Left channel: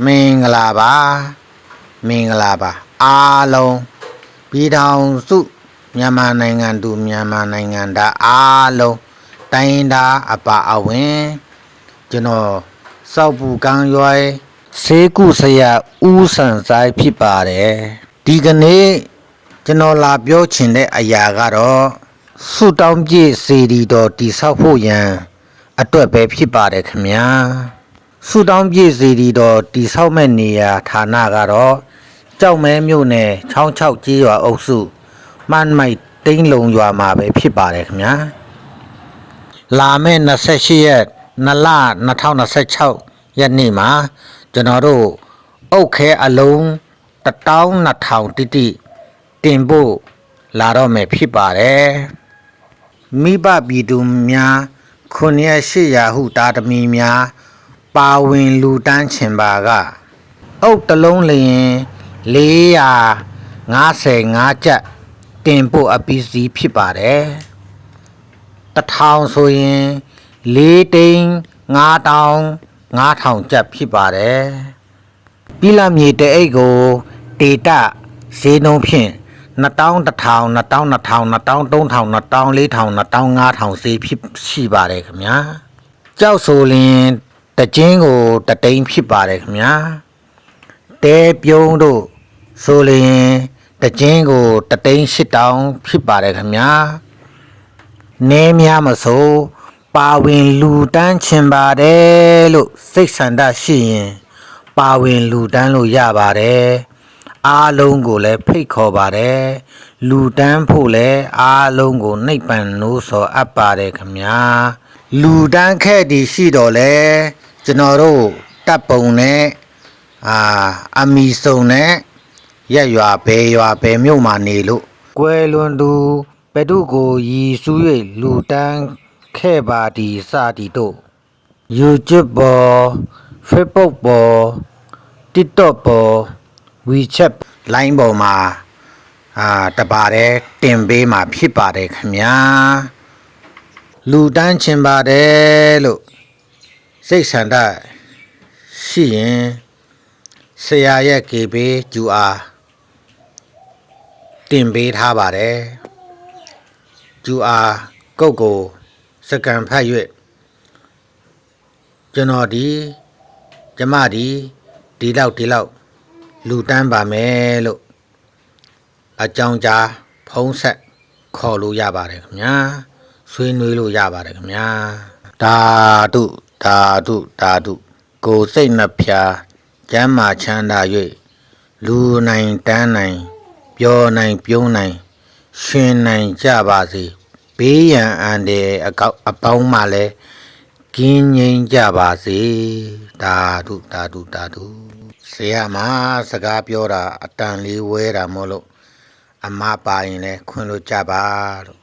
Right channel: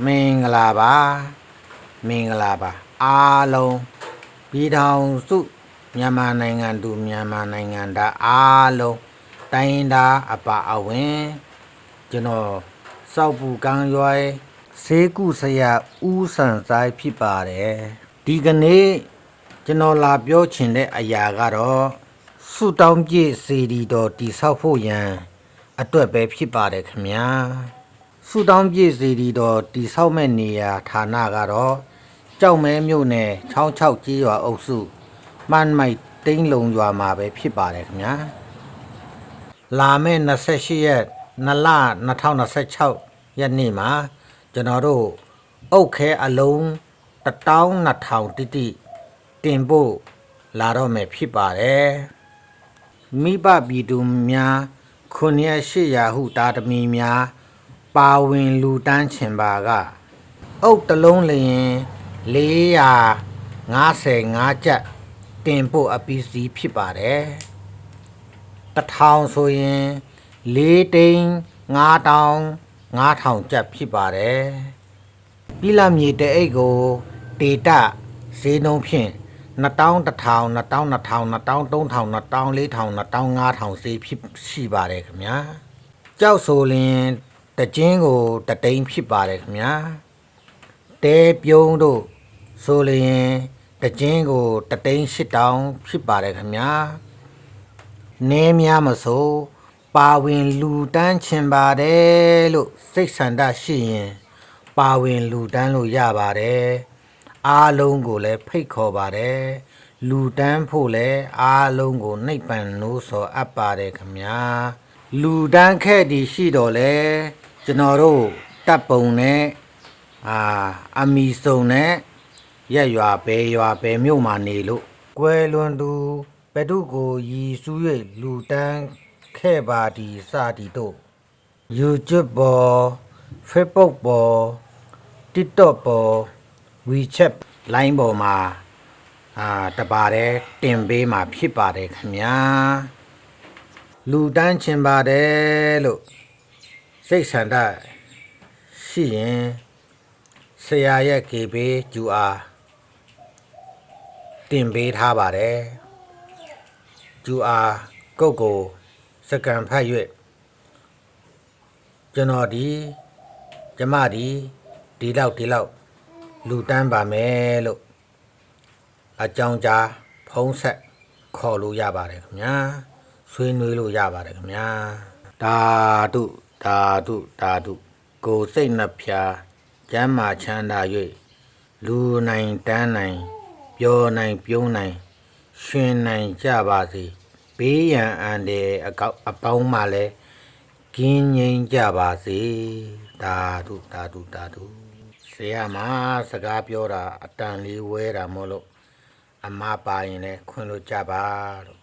မင်္ဂလာပါမင်္ဂလာပါအားလုံးပြည်ထောင်စုမြန်မာနိုင်ငံသူမြန်မာနိုင်ငံသားအားလုံးတိုင်းသားအပါအဝင်ကျွန်တော်စောက်ပူကံရွယ်ဆေးကုဆရာဦးဆန်ဆိုင်ဖြစ်ပါတယ်ဒီကနေ့ကျွန်တော်လာပြောချင်တဲ့အရာကတော့ဆုတောင်းပြည့်စေတီတော်တိဆောက်ဖို့ရန်အတွက်ပဲဖြစ်ပါတယ်ခင်ဗျာဆုတောင်းပြည့်စေတီတော်တိဆောက်မဲ့နေရာဌာနကတော့ကြောက်မဲမြို့နယ်66ကျေးရွာအုပ်စုမှန်မိုက်တိန်းလုံရွာမှာပဲဖြစ်ပါတယ်ခင်ဗျာလာမယ့်28ရက်2လ2026ရက်နေ့မှာကျွန်တော်တို့အုတ်ခဲအလုံး12000တိတိတင်ဖို့လာတော့မယ်ဖြစ်ပါတယ်မိဘပြည်သူများ900ဟုတာသမီများပါဝင်လူတန်းချင်ပါကအုတ်တလုံးလျင်455ကျပ်တင်ဖို့အပီးစီဖြစ်ပါတယ်1000ဆိုရင်4သိန်း9000ကျပ်ဖြစ်ပါတယ်ပြည်လာမြေတအိတ်ကိုတေတဈေးနှုန်းဖြင့်2100 2200 2300 2400 2500ဈေးဖြစ်ရှိပါတယ်ခင်ဗျာကြောက်ဆိုလင်တကျင်းကိုတသိန်းဖြစ်ပါတယ်ခင်ဗျာတဲပြုံးတို့ဆိုလျင်တကျင်းကိုတသိန်း8000ဖြစ်ပါတယ်ခင်ဗျာနေများမဆိုပါဝင်လူတန်းချင်ပါတယ်လို့စိတ်ဆန္ဒရှိရင်ပါဝင်လူတန်းလို့ရပါတယ်အားလုံးကိုလည်းဖိတ်ခေါ်ပါတယ်လူတန်းဖို့လည်းအားလုံးကိုနှိပ်ပန်လို့ဆိုအပ်ပါတယ်ခင်ဗျာလူတန်းခဲ့တည်ရှိတော့လဲကျွန်တော်တို့တပ်ပုံနဲ့အမီစုံနဲ့ရက်ရွာဘဲရွာဘဲမြို့မှာနေလို့ကွယ်လွန်သူဘဒုကိုရည်စူး၍လူတန်းခဲ့ပါဒီစသည်တို့ YouTube ပေါ် Facebook ပေါ် TikTok ပေါ် WeChat line ပေါ်မှာတပါတဲ့တင်ပေးမှာဖြစ်ပါတယ်ခင်ဗျာလူတန်းချင်ပါတယ်လို့စိတ်ဆန္ဒရှိရင်ဆရာရဲ့ကေပေး QR တင်ပေးထားပါတယ် QR ကုတ်ကိုစကန်ဖတ်၍ကျွန်တော်ကျမဒီလောက်လူတန်းပါမယ်လို့အကြောင်းကြားဖုံးဆက်ခေါ်လို့ရပါတယ်ခင်ဗျာဆွေးနွေးလို့ရပါတယ်ခင်ဗျာဓာတုကိုစိတ်နှဖျားကျမ်းမာချမ်းသာ၍လူနိုင်တန်းနိုင်ပြောနိုင်ပြုံးနိုင်ရှင်နိုင်ကြပါစေဘေးရန်အန္တရာယ်အပေါင်းမှလည်းကင်းငြိမ်းကြပါစေဓာတုဆရာမစကားပြောတာအတန်လေးဝဲတာမို့လို့အမပါရင်လည်းခွင့်လို့ကြပါလို့